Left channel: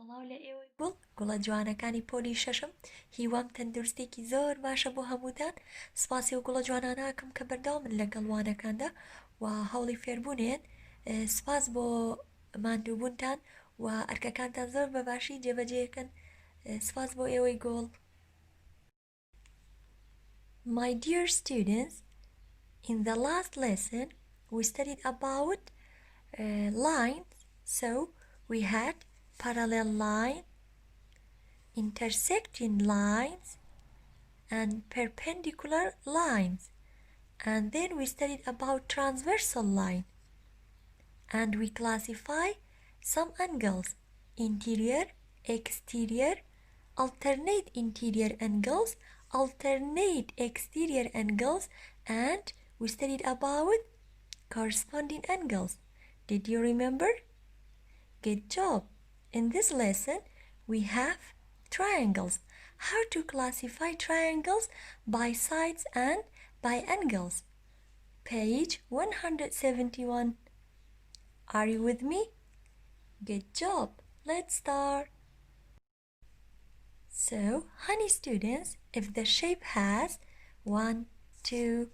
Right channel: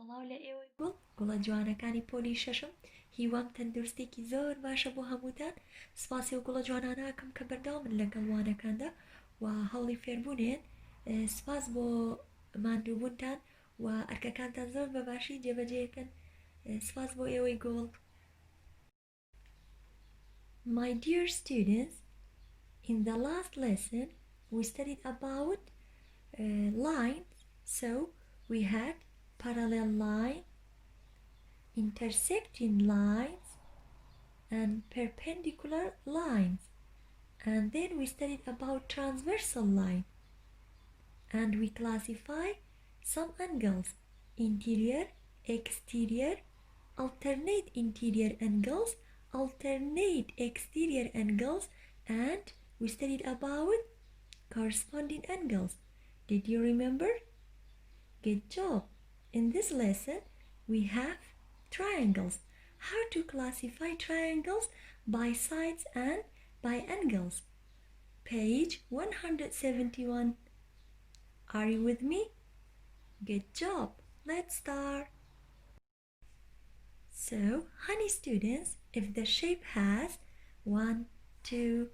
سڵاو لە ئێوەی گوڵە جوانەکانی پۆلی شەشەم هیوام تەندروستێکی زۆر باشە بۆ هەمووتان سپاسی و گوڵە جوانانەکەم کە بەردەوامن لەگەڵوانەکاندا و هەوڵی فێربوونێن سپاس بۆ ماندووبوونتان و ئەرکەکانتان زۆر بەباشی جێبەجێکەن سپاس بۆ ئێوەی گوڵ. My dear students, in the last lesson we studied about lines. So we had parallel line, intersecting lines, and perpendicular lines. And then we studied about transversal line. And we classify some angles: interior, exterior, alternate interior angles, alternate exterior angles, and we studied about corresponding angles. Did you remember? Good job! In this lesson, we have triangles. How to classify triangles by sides and by angles. Page 171. Are you with me? Good job! Let's start. So, honey students, if the shape has 1, 2,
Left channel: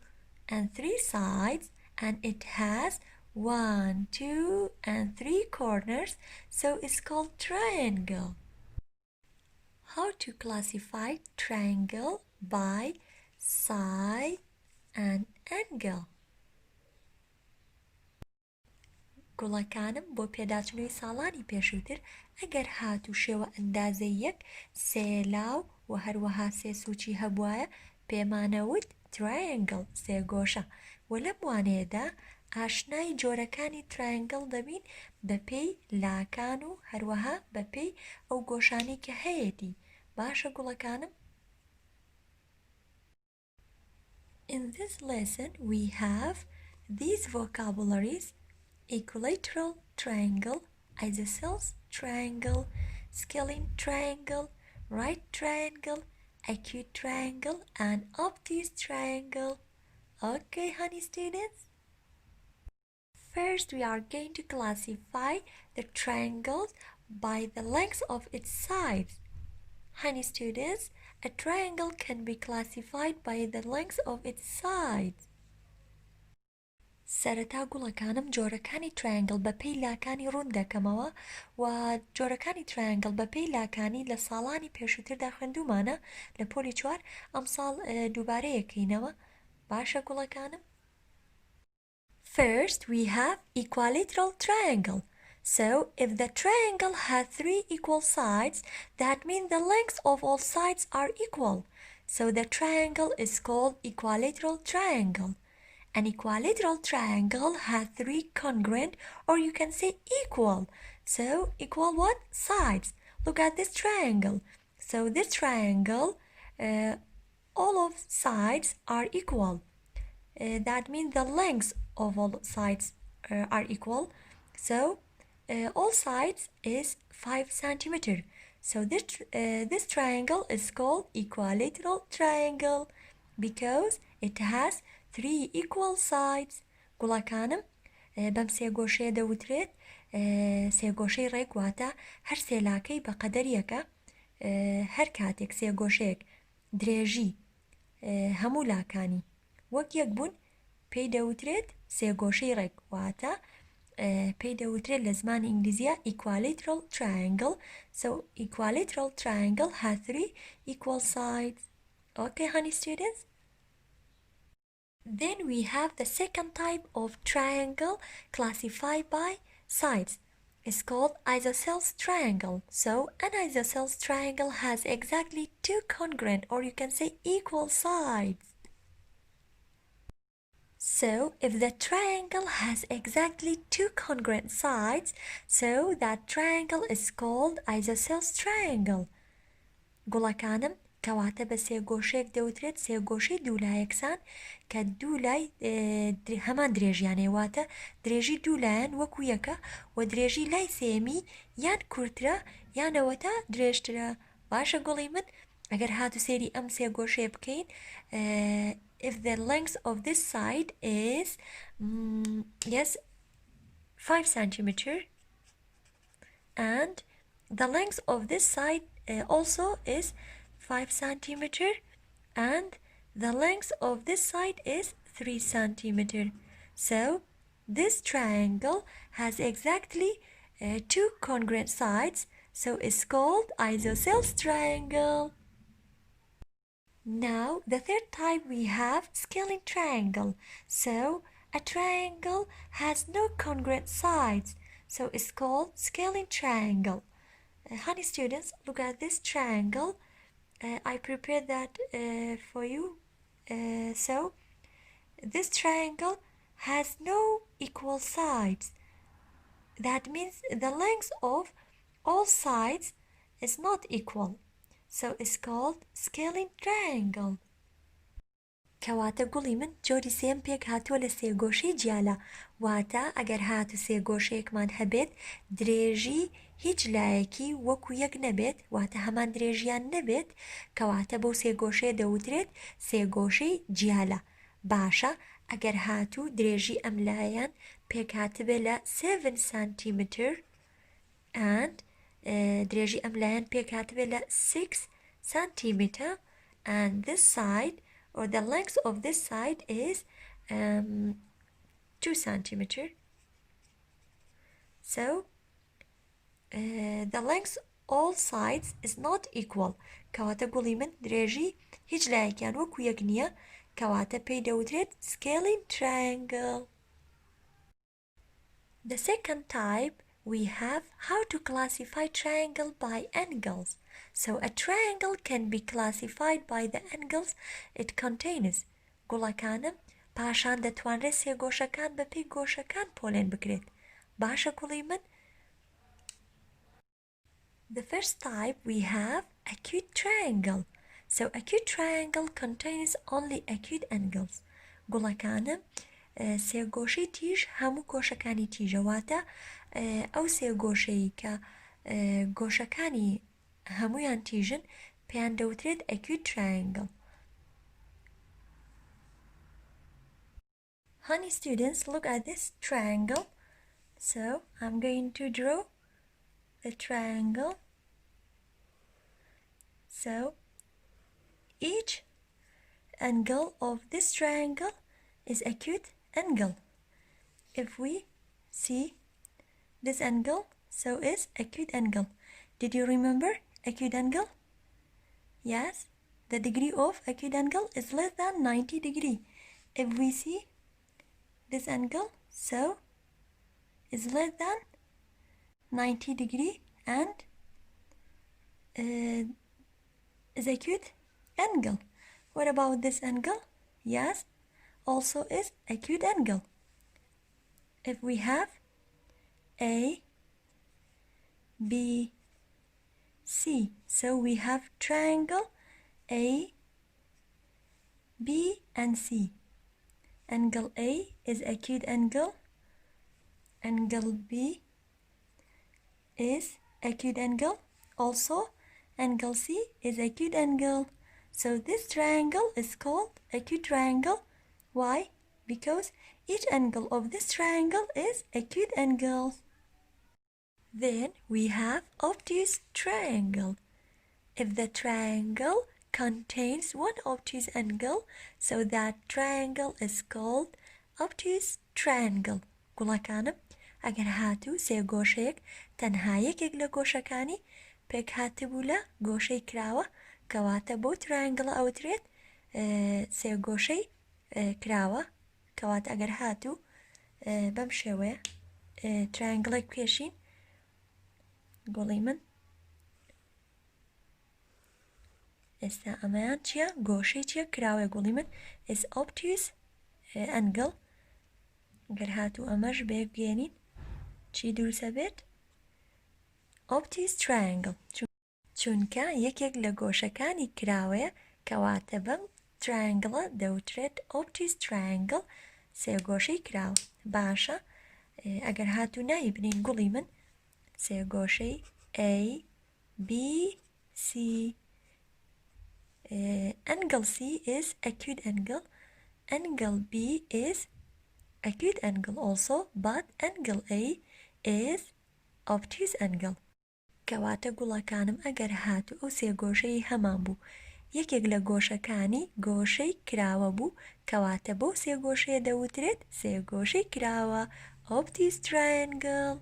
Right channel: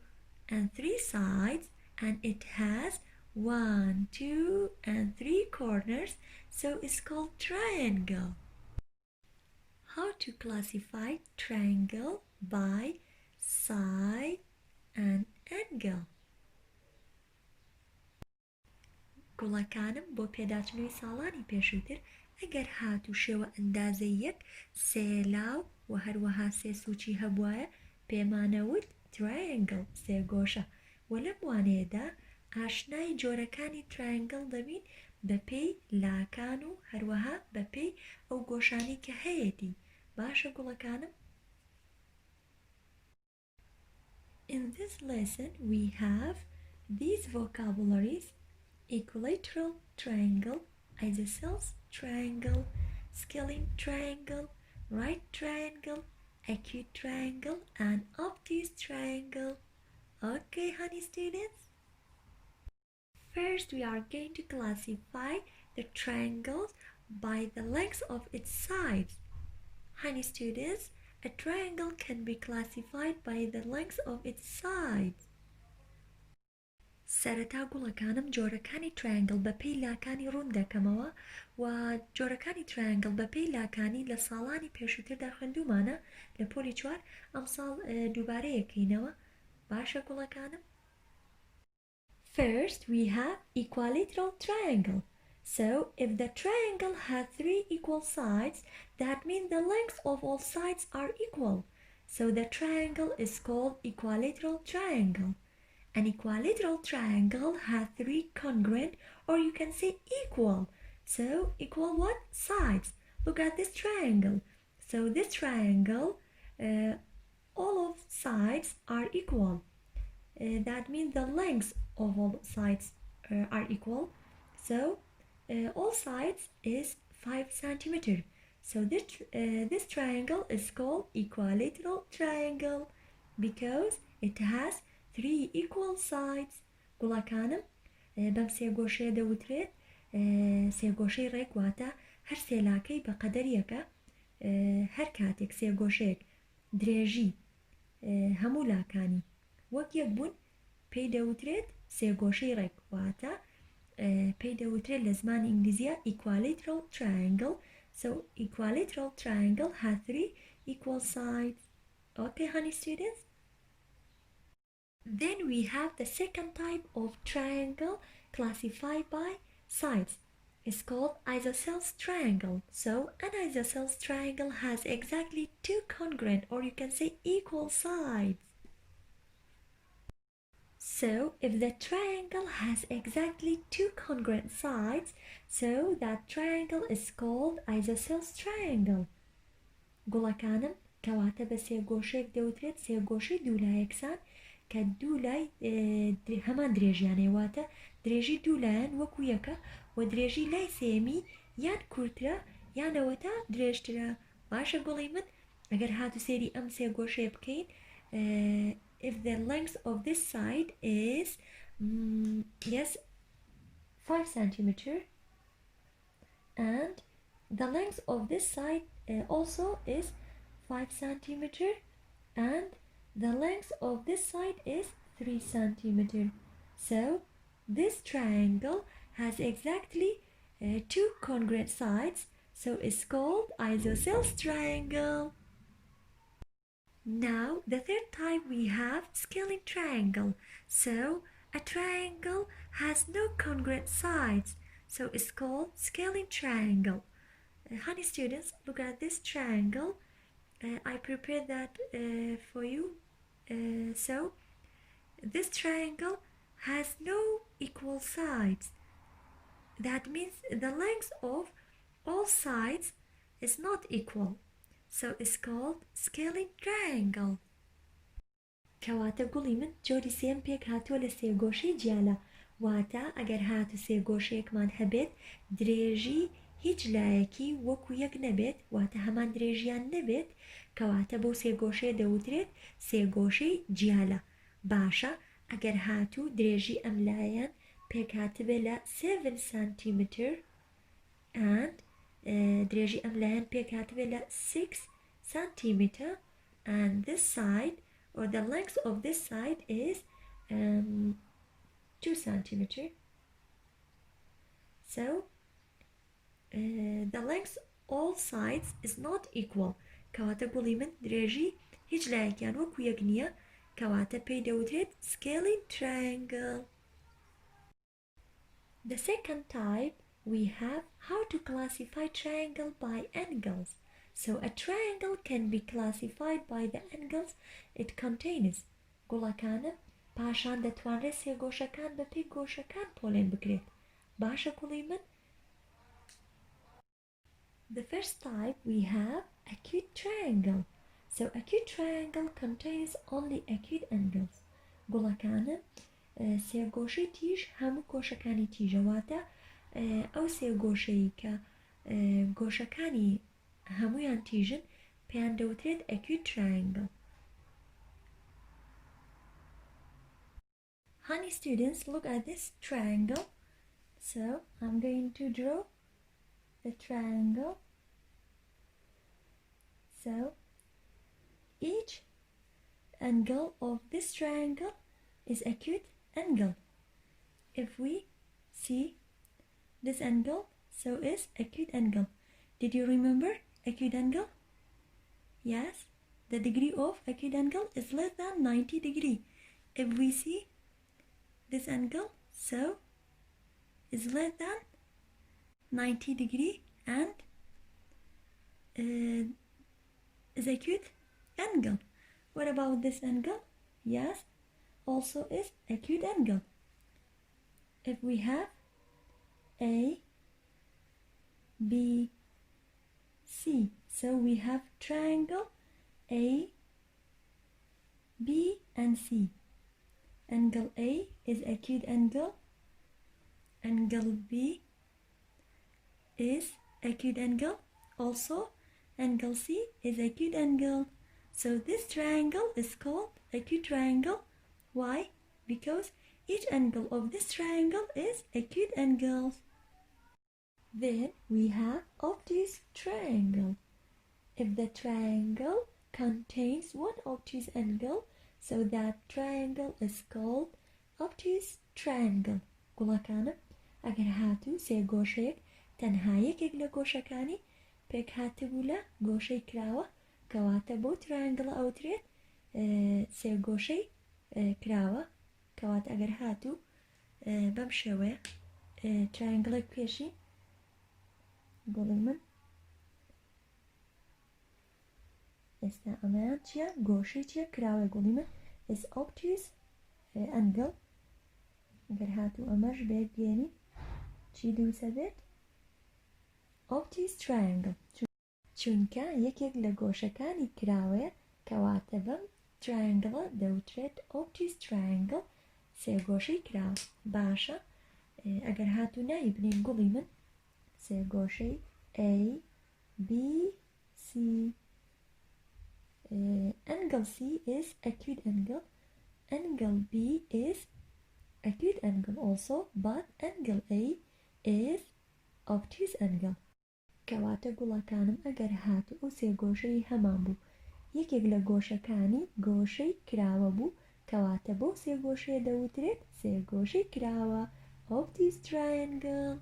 and 3 sides, and it has 1, 2, and 3 corners, so it's called triangle. How to classify triangle by side and angle. گوڵەکانم بۆ پێداچنەوەی ساڵانی پێشووتر ئەگەر هات و شێوە ئەندازە یەک سێ لاو و هەروەها سێ سوچی هەبوایە پێمانەوت triangle سێ گۆشە و لەم وانەیەدا ئاشنای جۆرەکانی triangle دەبین بەپێی لاکان و هەروەها بەپێی ئەو گۆشانی کە هەیەتی باشە گوڵەکانم. In this lesson we have these vocabularies: Equilateral Triangle, Isosceles Triangle, Scaling Triangle, Right Triangle, Acute Triangle, and Obtuse Triangle. Okay, honey students? First, we are going to classify the triangles by the length of its sides. Honey students, a triangle can be classified by the length of its sides. سەرەتا گوڵەکانم جۆرەکانی triangle بەپێی لاکانی ڕوون دەکەمەوە و جۆرەکانی triangle بەپێی لاکانی لە ساڵانی پێشووتردا خوێندومانە لە پۆلی 4 ئەم ساڵ دووبارە یەکەینەوە باشە گوڵەکانم. First we have equilateral triangle. So if the triangle has 3 equal sides, that means the length of all sides are equal. So the triangle is called equilateral triangle. An equilateral triangle has 3 congruent, or you can say equal. So equal what? Sides. Look at this triangle. So this triangle, all of sides are equal. That means the length of all sides are equal. So all sides is 5 centimeter. So this triangle is called equilateral triangle because it has 3 equal sides. گوڵەکانم بەم سێ گۆشەیە دەوترێت سێ گۆشەی ڕێک واتە هەر سێ لاکەی بە قەدەر یەکە هەر کاتێک سێ گۆشەیەک درێژی هەموو لاکانی وەک یەک بوون پێی دەوترێت سێ گۆشەی ڕێک واتە پێی دەوترێت لە زمانی ئینگلیزیە equilateral triangle. So equilateral triangle has 3 equal sides. Okay, honey students? Then we have the second type of triangle classified by sides. It's called Isosceles Triangle. So an Isosceles Triangle has exactly 2 congruent, or you can say equal sides. So if the triangle has exactly 2 congruent sides, so that triangle is called Isosceles Triangle. گوڵەکانم کەواتە بە سێ گۆشەیەک دەوترێت سێ گۆشەی دوولای یەکسان کە دوولای هەمان درێژیانێ واتە درێژی دوولایەن وەکو یەکە و درێژی لای سێمی یان کورترە یانەوەتە درێژترە باشە گوڵی من ئەگەر هاتو سێری ئەم سێ گۆشەیە بکەین if the length of this side is 5 centimeter and the length of this side also is 5 centimeter, and the length of this side is 3 centimeter. So this triangle has exactly two congruent sides, so it's called Isosceles Triangle. Now the third type we have scaling triangle. So a triangle has no congruent sides, so it's called scaling triangle. Honey students, look at this triangle. I prepared that for you. So this triangle has no equal sides. That means the length of all sides is not equal. So it's called scaling triangle. کەواتە گوڵی من جۆری سێم پێک هاتووە لە سێگۆشەی جیالە، واتە ئەگەر هاتو سێگۆشەیەکمان هەبێت درێژی هیچ لایەکی وەکو یەک نەبێت، واتە هەمان درێژیان نەبێت، کەواتە بەو سێگۆشەیە دەوترێت سێگۆشەی جیالە. باشە ئەگەر هاتو درێژی ئەم لایەن پێک هاتبێت لە 7 centimeter and درێژی ئەم لایەن پێک هاتبێت لە 6 centimeter, and this side or the length of this side is 2 centimeter. So the length all sides is not equal. کەواتە گوڵی من درێژی هیچ لایەکیان وەکو یەک نییە، کەواتە پێی دەوترێت scaling triangle. The second type we have how to classify triangle by angles. So a triangle can be classified by the angles it contains. گوڵەکانم پاشان دەتوانرێت سێگۆشەکان بە پێی گۆشەکان پۆلێن بکرێت. باشە گوڵی من. The first type we have acute triangle. So acute triangle contains only acute angles. گوڵەکانم سێگۆشەی تیژ هەموو گۆشەکانی تیژەواتە ئەو سێگۆشەی کە گۆشەکانی هەمویان تیژن پێیان دەوترێت acute triangle. Honey students, look at this triangle. So I'm going to draw the triangle. So each angle of this triangle is acute angle. If we see this angle, so is acute angle. Did you remember acute angle? Yes, the degree of acute angle is less than 90 degree. If we see this angle, so is less than 90 degree and is acute angle. What about this angle? Yes, also is acute angle. If we have A, B, C, so we have triangle A, B and C. Angle A is acute angle, angle B is acute angle, also angle C is acute angle. So this triangle is called acute triangle. Why? Because each angle of this triangle is acute angle. Then we have obtuse triangle. If the triangle contains one obtuse angle, so that triangle is called obtuse triangle. گوڵەکانم ئەگەر هاتوو سێگۆشەیەک تەنها یەکێک لە گۆشەکانی پێک هاتبوو لە گۆشەی کراوە، کەواتە بۆ ترایانگڵە ئەوترێت سێگۆشەی کراوە. کەواتە ئەگەر هاتوو بەم شێوەیە ترایانگڵێک پێشین، گوڵی من ئێستا ئەمەیان چییە؟ گۆشەی چییە؟ کراوەیە. گوڵی من is obtuse angle. ئەگەر هاتوو ئەمەش بێگێنین چی دروستە بێت؟ obtuse triangle. چونکە یەکێک لە گۆشەکانی کراوەیە، کەواتە بەم ترایانگڵە دەوترێت obtuse triangle، سێگۆشەی کراوە. باشە ئەگەر هاتوو نایی بنین گوڵی من سێگۆشەی A, B, C. Angle C is acute angle, angle B is acute angle also, but angle A is obtuse angle. کەواتە گوڵەکانم ئەگەر هاتوو ئەو سێ گۆشەی هەمان بوو یەکێک لە گۆشەکانی گۆشەی کراوە بوو کەواتە بۆ سێ گۆشەیە دەوترێت سێ گۆشەی کراوە Obtuse Triangle.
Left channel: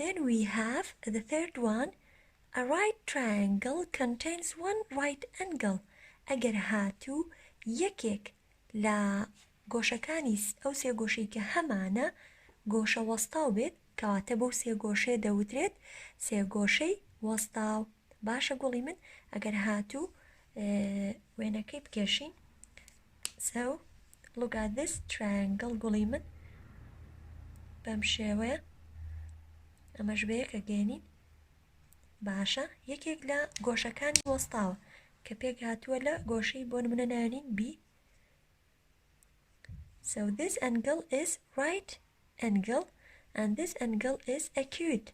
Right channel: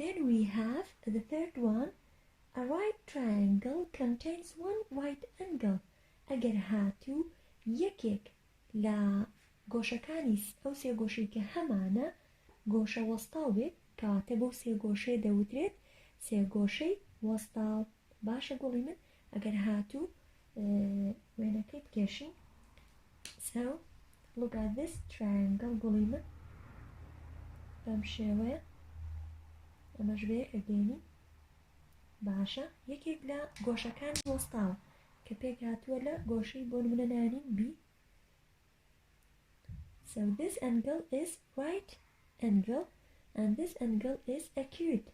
Then we have the third one. A right triangle contains one right angle. ئەگەر هاتوو یەکێک لە گۆشەکانی ئەو سێ گۆشەی کە هەمانە گۆشە وەستاو بێت کەواتە بۆ سێ گۆشەیە دەوترێت سێ گۆشەی وەستاو. باشە گوڵی من ئەگەر هاتوو وێنەکەی بکێشین. So look at this triangle گوڵی من بەم شێوەیە ئەمەش بەیەکە گێنین. باشە یەکێک لە گۆشەکانی وەستاوە کە پێک هاتووە لە گۆشەی بۆ نمونە ناوێنین B. So this angle is right angle and this angle is acute.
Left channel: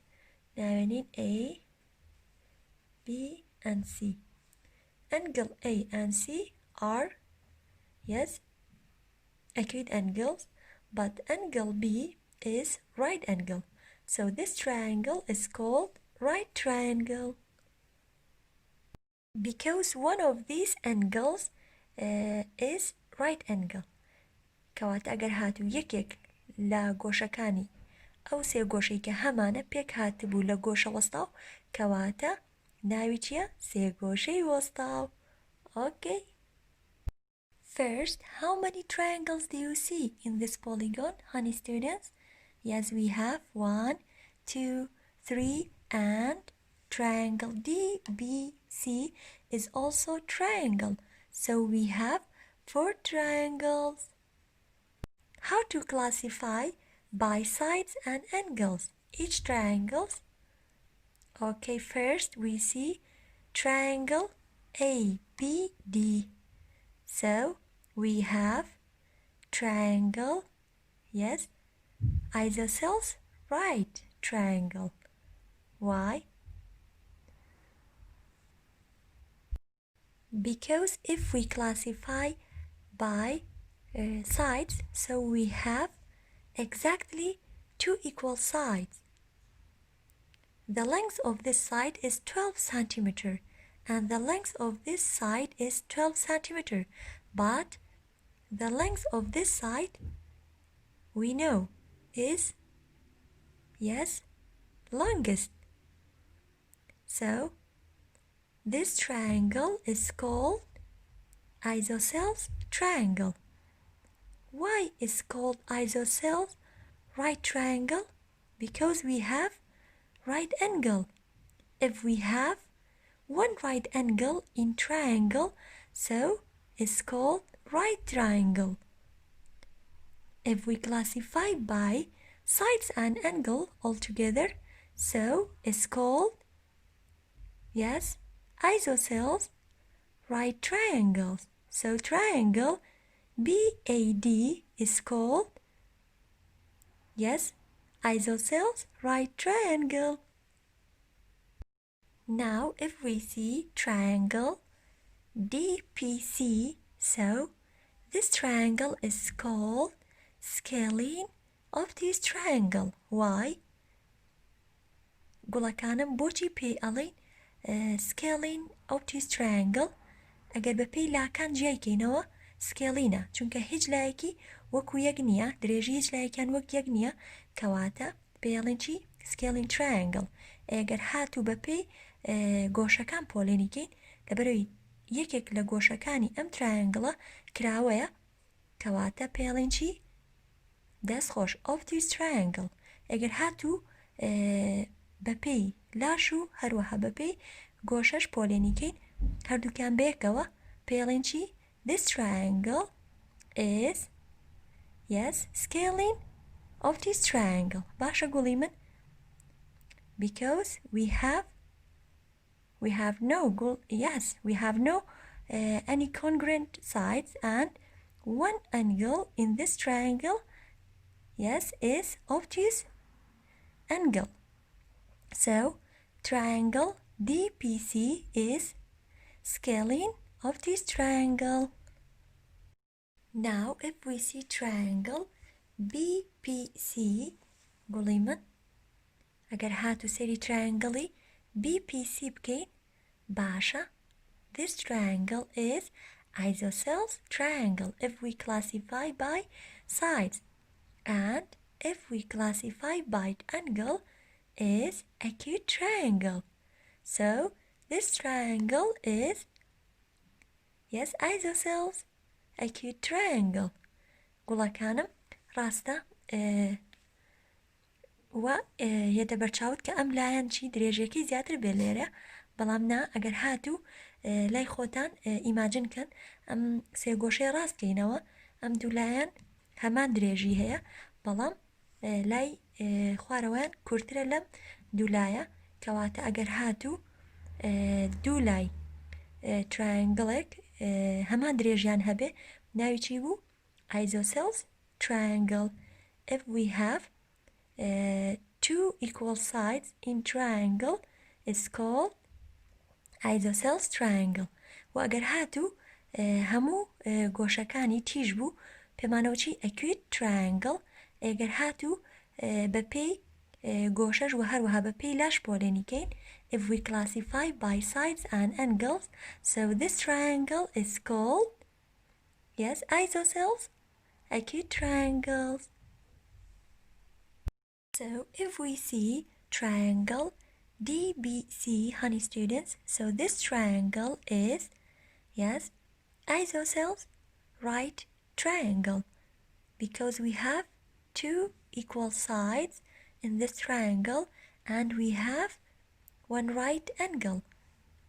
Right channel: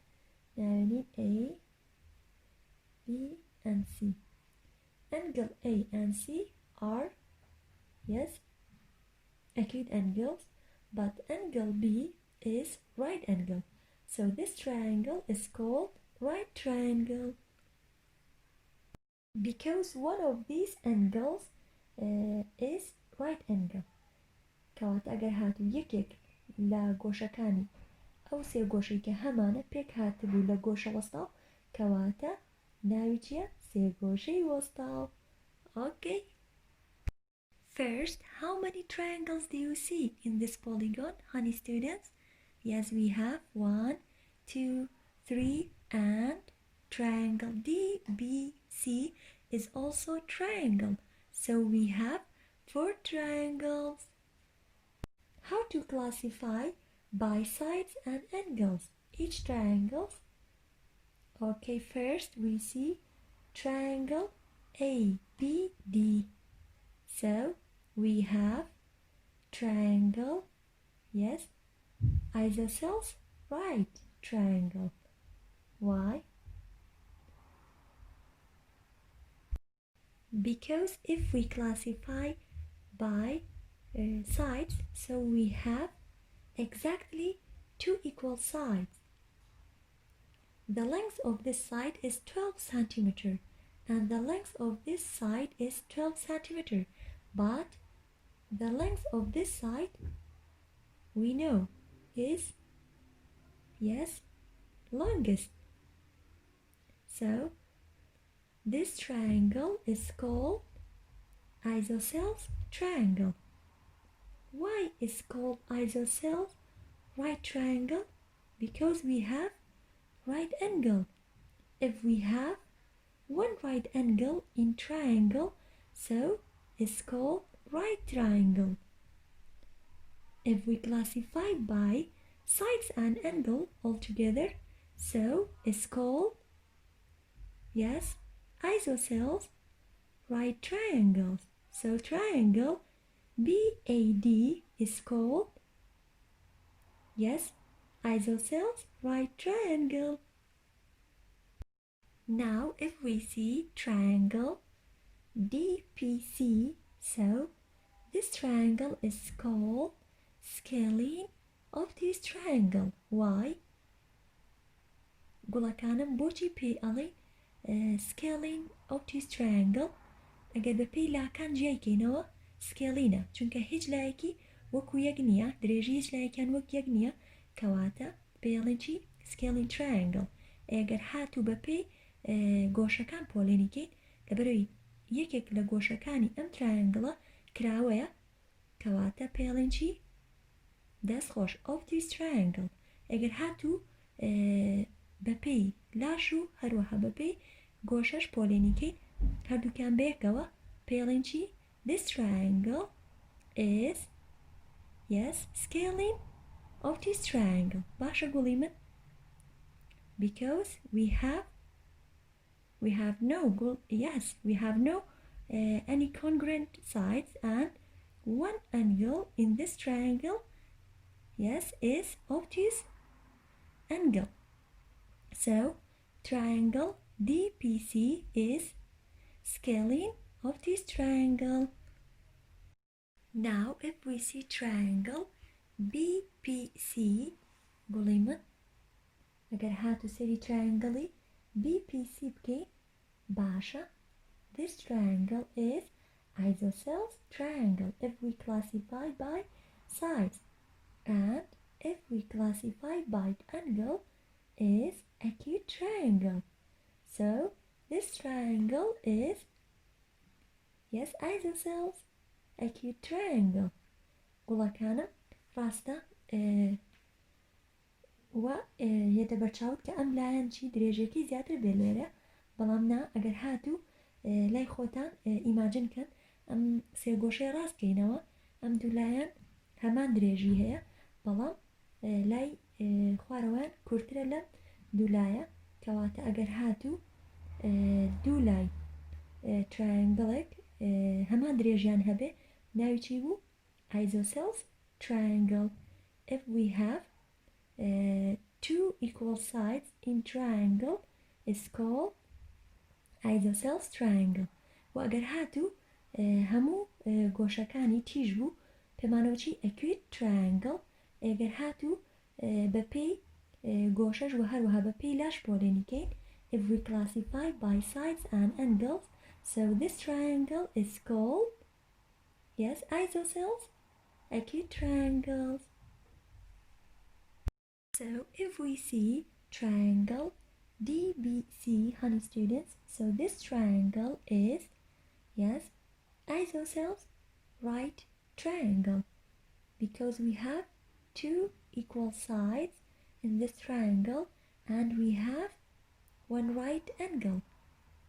ناوێنین A, B and C. Angle A and C are, yes, acute angles, but angle B is right angle. So this triangle is called right triangle. Because one of these angles is right angle. کەواتە ئەگەر هاتوو یەکێک لە گۆشەکانی ئەو سێ گۆشەی کە هەمانە پێک هاتبوو لە گۆشە وەستاو کەواتە ناوی چییە؟ سێ گۆشەی وەستاو. Okay. First, how many triangles do you see in this polygon, honey students? Yes, we have 1, 2, 3, and triangle DBC is also triangle. So we have 4 triangles. How to classify by sides and angles each triangles? Okay, first we see triangle ABD. So we have triangle, yes, isosceles right triangle. Why? Because if we classify by sides, so we have exactly 2 equal sides. The length of this side is 12 centimeter and the length of this side is 12 centimeter, but the length of this side we know is, yes, longest. So this triangle is called Isosceles Triangle. Why is called Isosceles right triangle? Because we have right angle. If we have one right angle in triangle, so it's called right triangle. If we classify by sides and angle altogether, so it's called, yes, isosceles right triangles. So triangle BAD is called, yes, isosceles right triangle. Now if we see triangle DPC, so this triangle is called scalene obtuse triangle. Why? گوڵەکانم بۆچی پێی ئەڵێن scalene obtuse triangle؟ ئەگەر بە پێی لاکان جیایکەینەوە سکێلینە چونکە هیچ لایەکی وەکو یەک نییە، درێژی هیچ لایەکیان وەک یەک نییە کەواتە پێڵێن چی؟ سکێلین ترایەنگڵ. ئەگەر هاتوو بە پێی گۆشەکان پۆلێنیکەین لەبەرەوەی یەکێک لە گۆشەکانی ئەم ترایەنگڵە کراوەیە کەواتە پێڵێن چی؟ دەستخۆش obtuse triangle. ئەگەر هاتوو بە پێی لاش و هەروەها بە پێی گۆشەش پۆلێنیکەین هەردووکیان بەیەکەوە پێڵێن چی؟ This triangle is, yes, scalene obtuse triangle. باشە گوڵی من؟ Because we have no any congruent sides and one angle in this triangle, yes, is obtuse angle. So triangle DPC is scalene obtuse triangle. Now if we see triangle BPC, قولي من ئەگەر هاتو سەری triangle BPC بکەین باشە. This triangle is Isosceles Triangle if we classify by sides, and if we classify by angle is Acute Triangle. So this triangle is, yes, Isosceles Acute Triangle. گوڵەکانم ڕاستە وە هێدە بەرچاوت کە ئەم لایەن چی درێژەکەی زیاتر بێ لێرە، بەڵام نا ئەگەر هاتوو لای خۆتان ئیماجنکەن ئەم سێ گۆشەی ڕاستکەینەوە ئەم دوو لایەن هەمان درێژی هەیە، بەڵام لای خوارەوەیان کورترە لەم دوو لایە، کەواتە ئەگەر هاتوو دوو لای triangleێک هەمان درێژیان هەبێ ناوی چی بوو؟ Isosceles Triangle. If we have two equal sides in triangle is called Isosceles Triangle. و ئەگەر هاتوو هەموو گۆشەکانی تیژ بوو پێمانەوە چی؟ Acute Triangle. ئەگەر هاتوو بە پێی گۆشەش و هەروەها بە پێی لاش پۆلێنیکەین if we classify by sides and angles, so this triangle is called, yes, isosceles acute triangles. So if we see triangle DBC, honey students, so this triangle is, yes, isosceles right triangle, because we have two equal sides in this triangle and we have one right angle.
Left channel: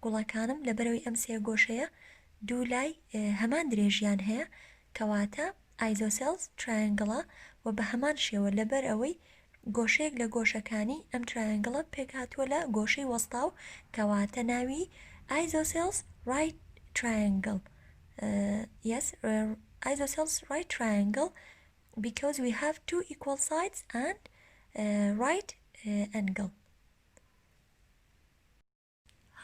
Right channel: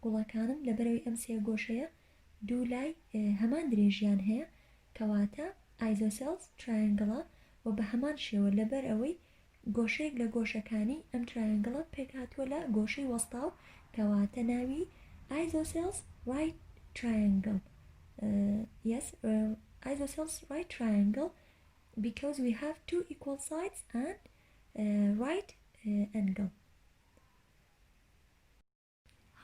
گوڵەکانم لەبەرەوەی ئەم سێ گۆشەیە دوو لای هەمان درێژیان هەیە، کەواتە Isosceles Triangle و بە هەمان شێوە لەبەر ئەوەی گۆشەیەک لە گۆشەکانی ئەم triangle پێک هاتووە لە گۆشەی وەستاو، کەواتە ناوی Isosceles right triangle. Yes, Isosceles right triangle because we have two equal sides and right angle.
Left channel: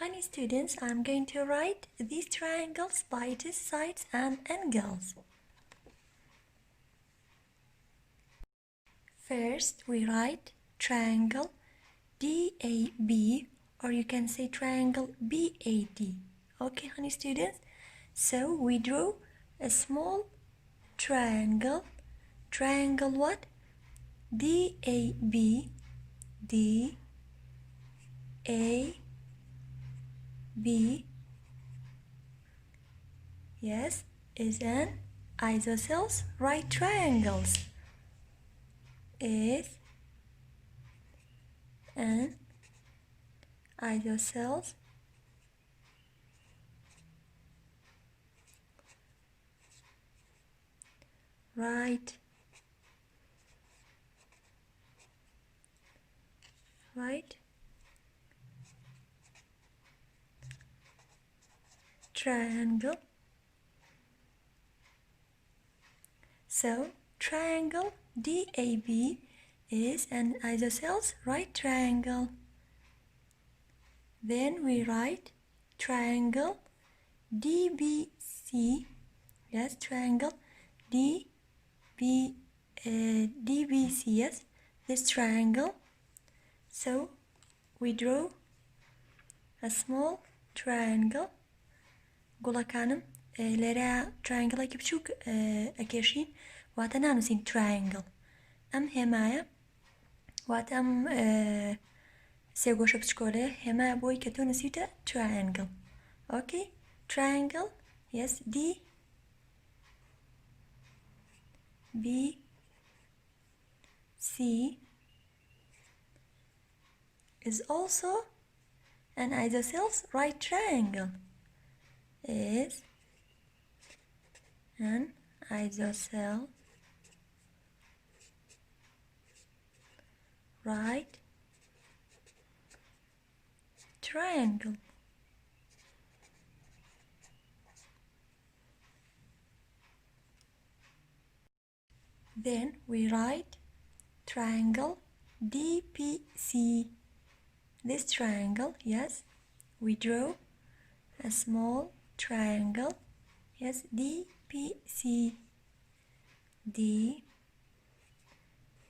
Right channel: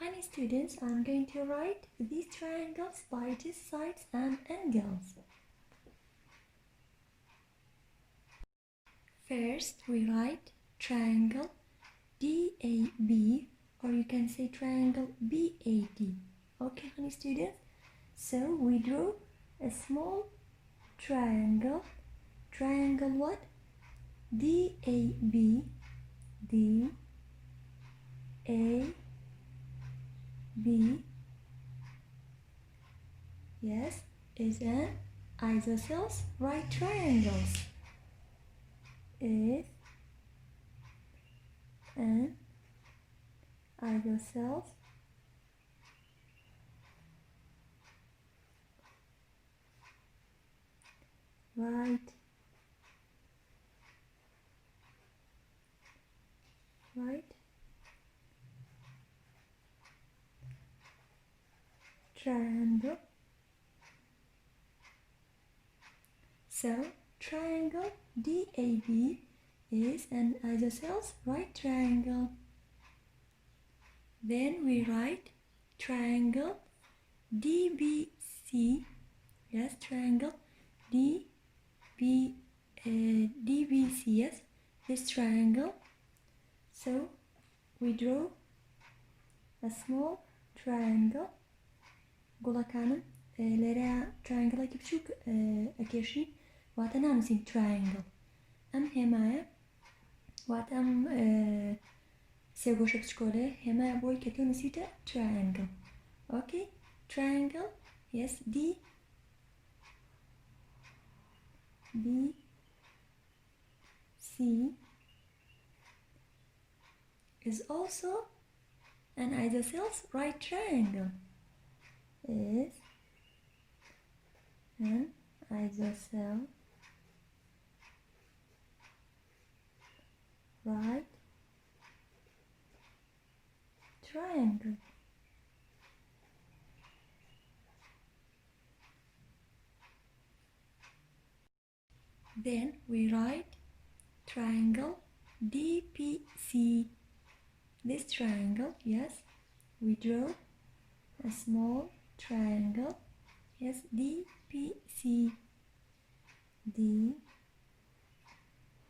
Honey students, I'm going to write these triangles by its sides and angles. First, we write triangle DAB, or you can say triangle BAD. Okay, honey students? So we drew a small triangle. Triangle what? DAB. DAB, yes, is an isosceles right triangles. Is an isosceles right triangle. So triangle DAB is an isosceles right triangle. Then we write triangle DBC. Yes, triangle DBC. Yes, this triangle. So we draw a small triangle. گوڵەکانم لێرە triangleێکی بچووک ئەکێشین واتە نانووسین triangle. ئەم هێمایە واتە ئەم سێ گۆشە بچکۆلەیە هێمایە بۆی کە تۆ نووسیتە triangle. Okay, triangle, yes, DBC is also an isosceles right triangle. Is an isosceles right triangle. Then we write triangle DPC. This triangle, yes, we draw a small triangle, yes, DPC. D,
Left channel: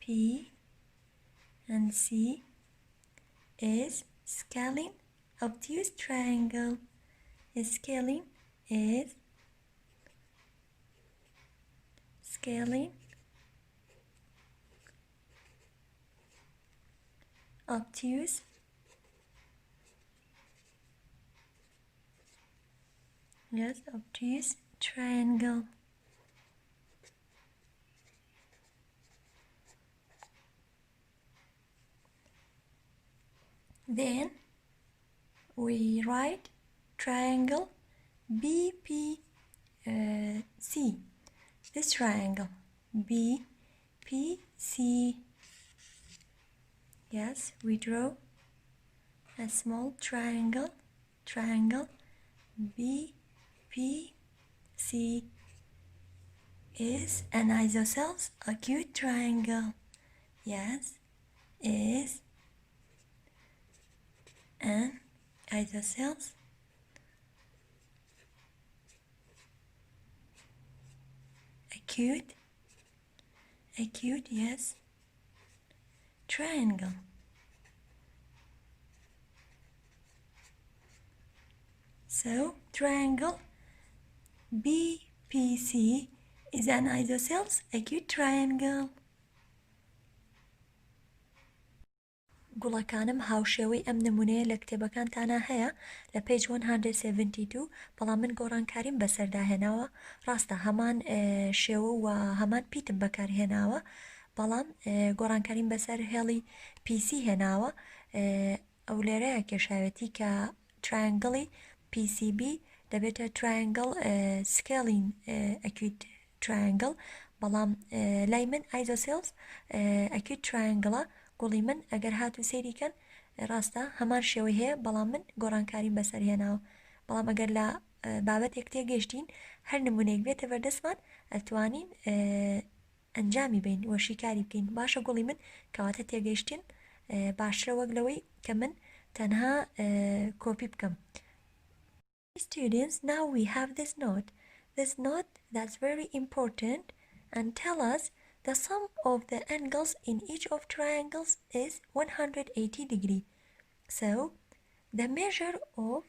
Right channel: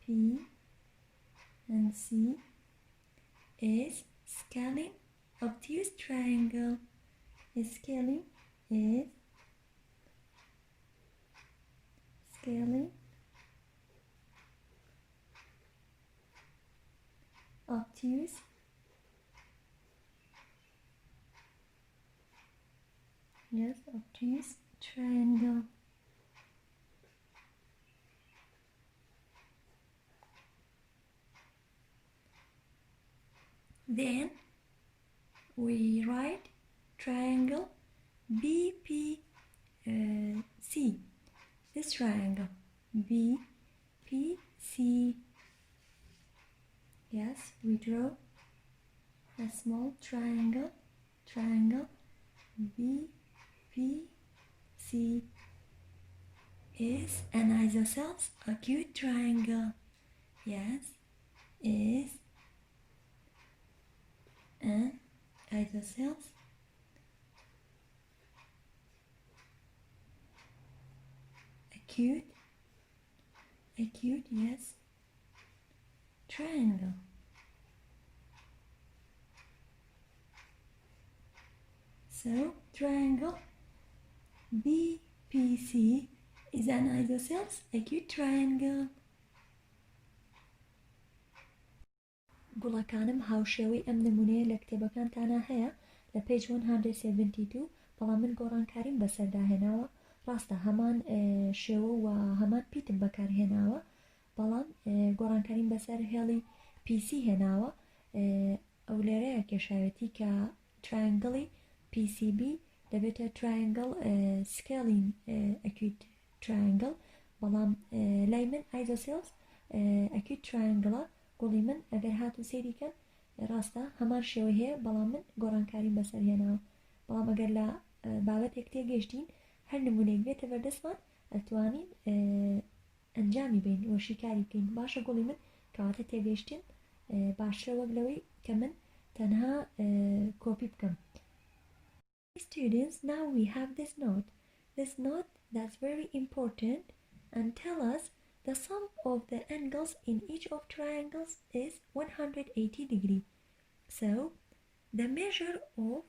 P, and C. is scaling obtuse triangle. Scaling is scaling obtuse obtuse triangle. Then we write triangle BPC. This triangle BPC. Yes, we draw a small triangle BPC is an isosceles acute triangle. Yes, is an isosceles acute, yes, triangle. So triangle BPC is an isosceles acute triangle. گوڵەکانم هاوشێوەی ئەم نمونەیە لە کتێبەکانتانە هەیە لە پێج 172 بەڵام من گۆڕانکاریم بەسەرداهێناوە. ڕاستە هەمان شێوە و هەمان پیتم بەکارهێناوە بەڵام گۆڕانکاریم بەسەر هێڵی PC هێناوە. ئەو لێرەیە کێشاوێتی کە ترایانگڵی PCB دەبێتە ترایانگڵ سکێلین ئەکیوت ترایانگڵ بەڵام لای من Isocell ئەکیوت ترایانگڵە. گوڵی من ئەگەر هاتو سەیریکەن ڕاستە هەمان شێوەی هەیە بەڵام من گۆڕانکاریم بەسەرهێناوە. بەڵام ئەگەر لە بابەتێک تێگەشتین هەر نمونەیەک بێتە بەردەستمان ئەتوانین ئەنجامی بین وەشیکاری بکەین. باشە گوڵی من کەواتە تێگەشتین باشترە وەک لەوەی کە من تەنها کۆپی بکەم. Students, now we have this note that's very important and tell us the sum of the angles in each of triangles is 180 degree. So the measure of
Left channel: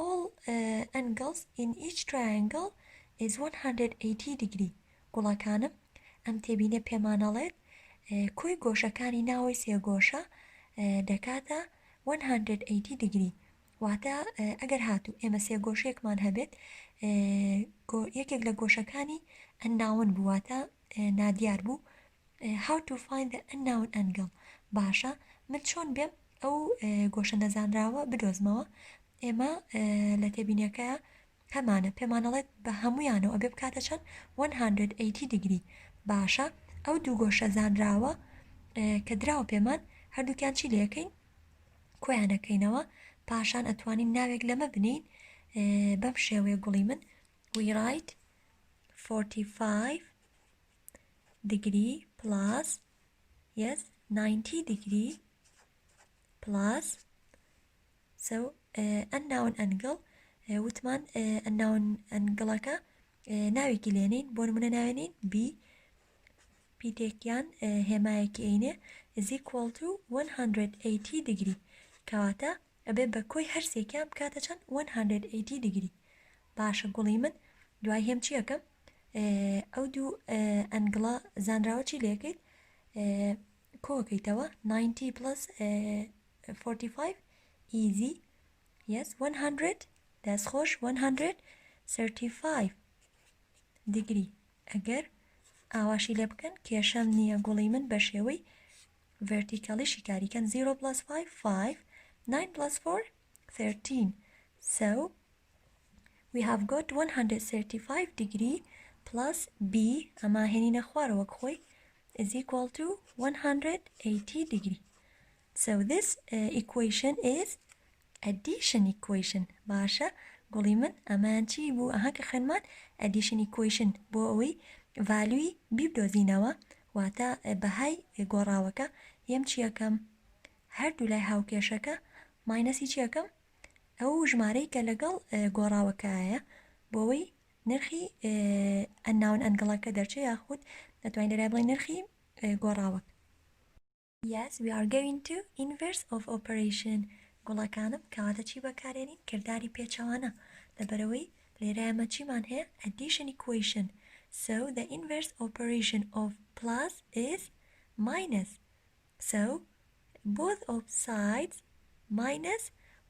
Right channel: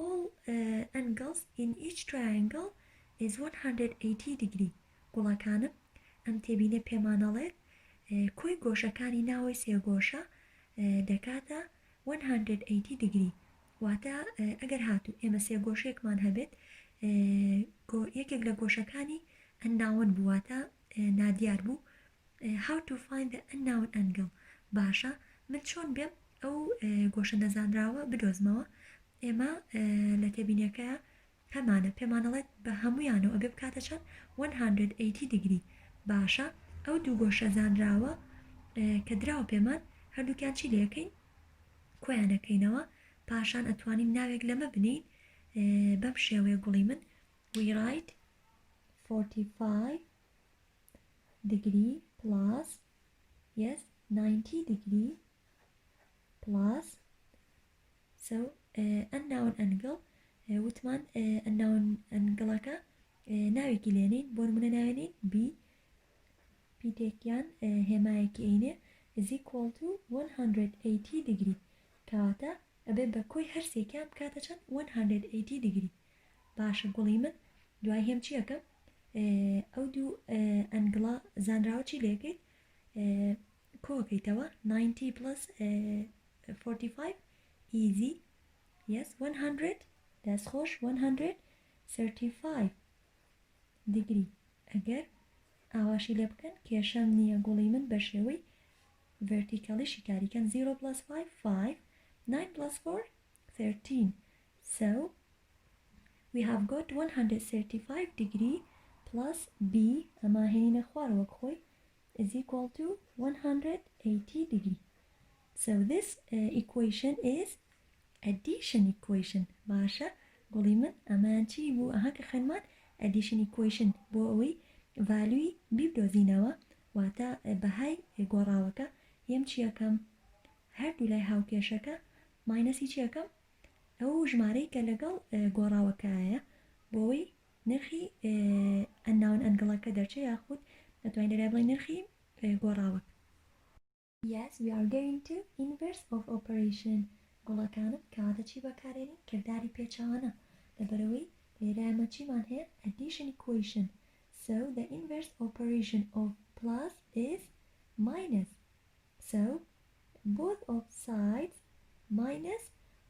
all angles in each triangle is 180 degree. گوڵەکانم ئەم تێبینە پێمانەڵێت کوی گۆشەکانی ناوی سێگۆشە دەکاتە 180 degree. واتە ئەگەر هاتو ئێمە سێگۆشەیەکمان هەبێت یەکێک لە گۆشەکانی unknown بواتە نادیار بوو. How to find the unknown angle. باشە من چۆن بێم ئەو گۆشە نەزانراوە بدۆزمەوە. ئێمە لە تێبینەکە هەمانە پێمانەڵێت بە هەمویانەوە ئەبێ بکاتە چەند 180 degree. باشە ئەو دوو گۆشە زانراوە کە دراوە پێمان هەردووکیان چی لەکەین کۆیانەکەینەوە پاشان ئەتوانین ناوێک لەمە بنین بەم شێوەیە گوڵی من. We write 45 degree plus 90 degree plus so unknown angle وتمان unknown angle-ەکە ناوێکی لێنین بۆ نمونە ناوێنین B تێکیان هێمایەکی ئەینێ is equal to 180 degree. کەواتە ئەبێ بە کۆی هەرسێکیان بکاتە چەند 180 degree. باشە گوڵی من دوای هێم چی یەکەم ئەو دوو ئەنگڵە زانراوە چی لێکەیت کۆکەیتەوە 90 plus 45 easy. Yes, 100 دەستخۆش 135 degree. ئەگەر ئاواشی لێ بکەن کێشەم نییە گوڵی من بە شێوەی vertically شیکاریکەن 0 plus 5 5 9 plus 4 13. So we have got 135 degree plus B ئەما هێنینە خوارەوە خۆی is equal to 180 degree. So this equation is addition equation. باشە گوڵی من ئەمان چی بوو ئەها کە خوێنمان addition equation بۆ ئەوەی ڤالوی بیبدۆزینەوە واتە بەهای گۆڕاوەکە یەم چی یەکەم هەردوو لای هاوکێشەکە ماینەسی چی یەکەم ئەو ژمارەی کە لەگەڵ گۆڕاوەکەیە بۆەوەی نرخی unknown angle-ەکە دەرچێ یاخود دەتوانین لەرای بڵێ نرخی گۆڕاوەکە. Yes, we are going to inverse of operation. گوڵەکانم کەواتە چی بەکارێنین؟ کردداری پێچەوانە لەبەرەوەی لێرە ئەمە چیمان هەیە؟ addition equation. So the inverse operation of plus is minus. So both of sides minus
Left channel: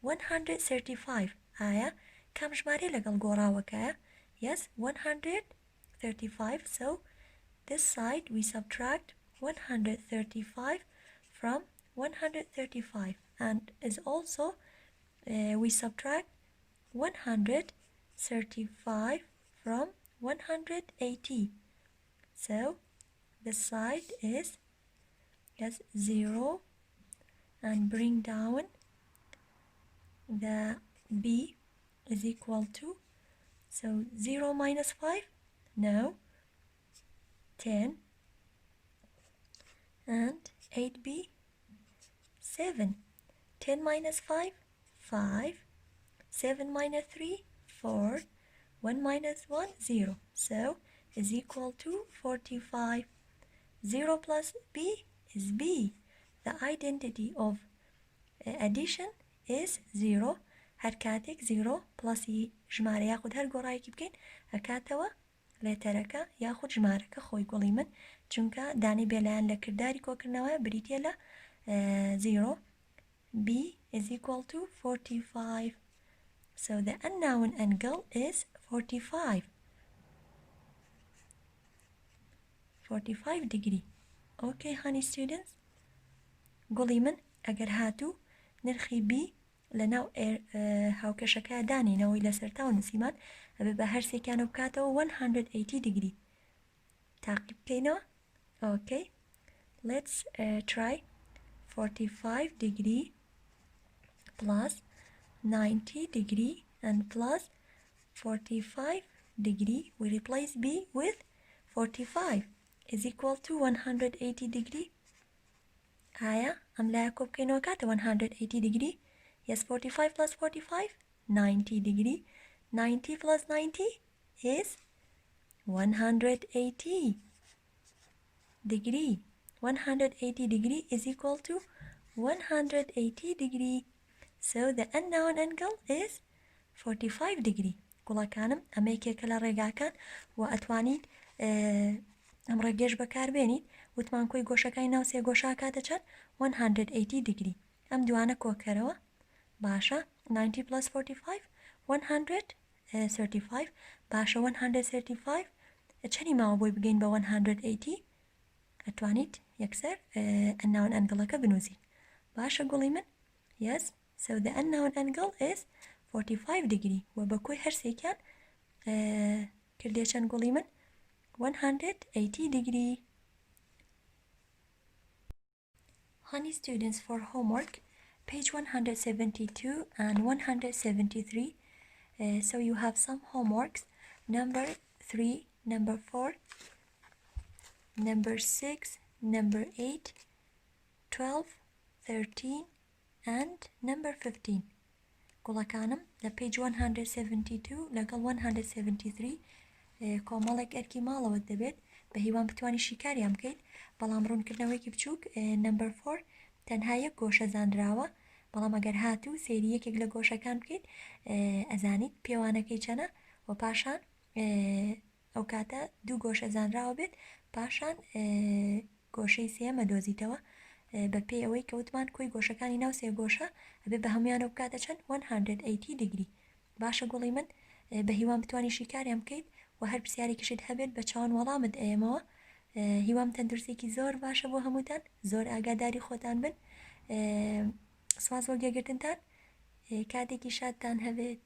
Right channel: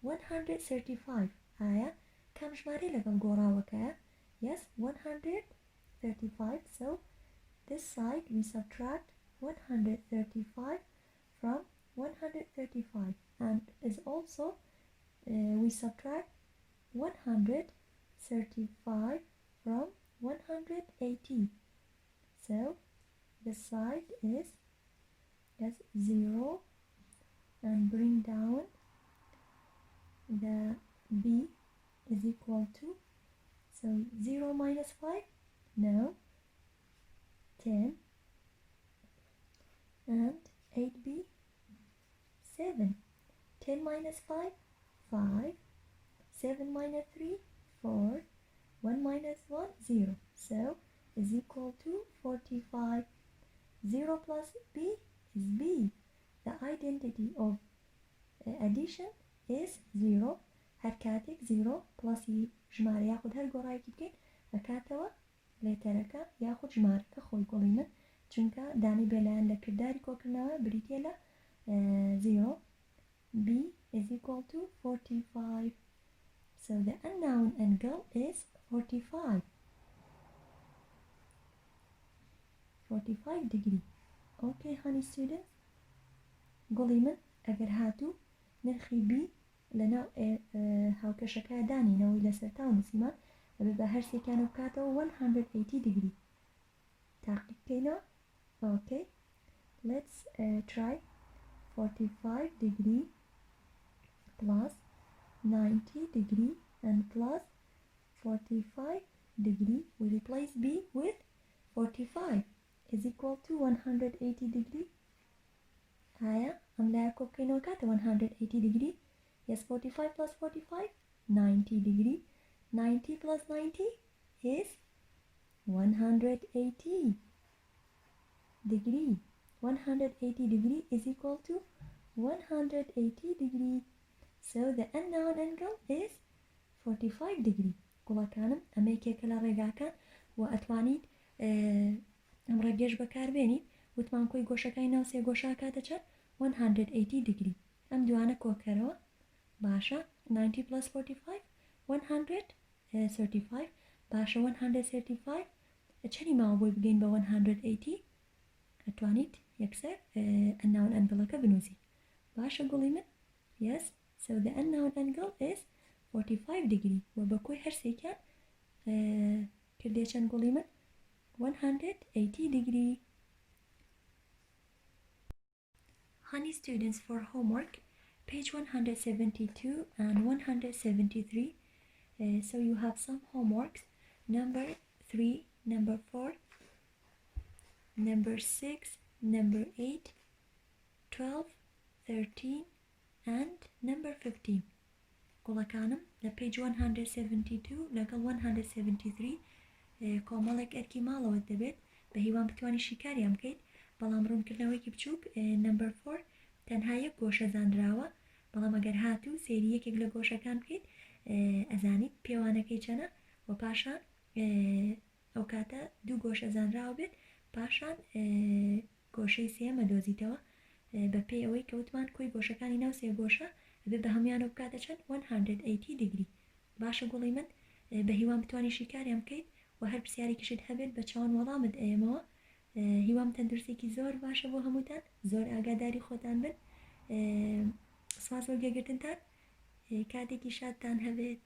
135. ئایا کام ژمارە لەگەڵ گۆڕاوەکەیە؟ Yes, 135. So this side we subtract 135 from 135, and is also we subtract 135 from 180. So the side is yes 0, and bring down the b is equal to, so 0 minus 5, no, 10, and 8b 7. 10 minus 5, 5. 7 minus 3, 4. 1 minus 1, 0. So is equal to 45. 0 plus b is b. The identity of addition is 0. هەر کاتێک 0 پلسی ژمارە یاخود هەر گۆڕایەکی بکەین ئەکاتەوە لێتەرەکە یاخود ژمارەکە خۆی گوڵی من چونکە دانی بێلایەن لە کردداری کۆکردنەوە بریتە لە 0. b is equal to 45. So the unknown angle is 45. 45 degree. Okay, honey students. گوڵی من ئەگەر هاتوو نرخی b لەناو هاوکەشەکە دانینەوەی لەسەرتا و نووسیمان ئەبێ بە هەرسێکیانە بکاتەوە 180 degree. تاقیب بکەینەوە. Okay. Let's try 45 degree plus 90 degree and plus 45 degree. We replace b with 45 is equal to 180 degree. آیا ئەم لایە کۆ بکەینەوە کاتە 180 degree. Yes, 45 plus 45, 90 degree. 90 plus 90 is 180 degree. 180 degree is equal to 180 degree. So the unknown angle is 45 degree. گوڵەکانم ئەمە یەکێکە لە ڕێگاکان و ئەتوانیت ئەم ڕێگەش بەکاربێنیت وتمان کۆی گۆشەکانی ناو سێ گۆشە کاتە چەند 180 degree. ئەم دوانە کۆکەرەوە باشە. 90 plus 45 135 باشە 135 چەنی ماوە بۆی بگەین بە 180 ئەتوانیت یەکسەر unknown angle-ەکە بنووسیت. باشە گوڵی من. Yes, so the unknown angle is 45 degree و بە کۆی هەرسێکیان کردێ چەند گوڵی من 180 degree. Honey students, for homework page 172 and 173. So you have some homeworks, number 3, number 4, number 6, number 8, 12, 13 and number 15. گوڵەکانم لە page 172 لەگەڵ 173 کۆمەڵێک ئەرکی ماڵەوە دەبێت بە هیوان بتوانانی شیکاریان بکەیت بەڵام ڕوونکردنەوەیکی بچووک number 4 تەنها یەک گۆشە زانراوە بەڵام ئەگەر هاتوو سێری یەکێک لە گۆشەکان بکەیت ئەزانیت پێوانەکەی چەنە و پاشان ئەو کاتە دوو گۆشە زانراوە بێت پاشان گۆشەی سێم ئەدۆزیتەوە بە پێی ئەوەی کەوتمان کۆی گۆشەکانی ناو سێ گۆشە ئەبێ بە هەمویانەوە بکاتە چەند 180 degree. باشە گوڵی من بە هیوان بتوانانی شیکاریان بکەیت و هەر پرسیارێکیشت هەبێت بە چاوان وەڵامت ئێمەوە. هیوام تەندروستێکی زۆر باشە بۆ هەمووتان زۆر ئاگاداری خۆتان بن. سواز وەرگێگرتنتان کاتێکی شادتان هەبێت.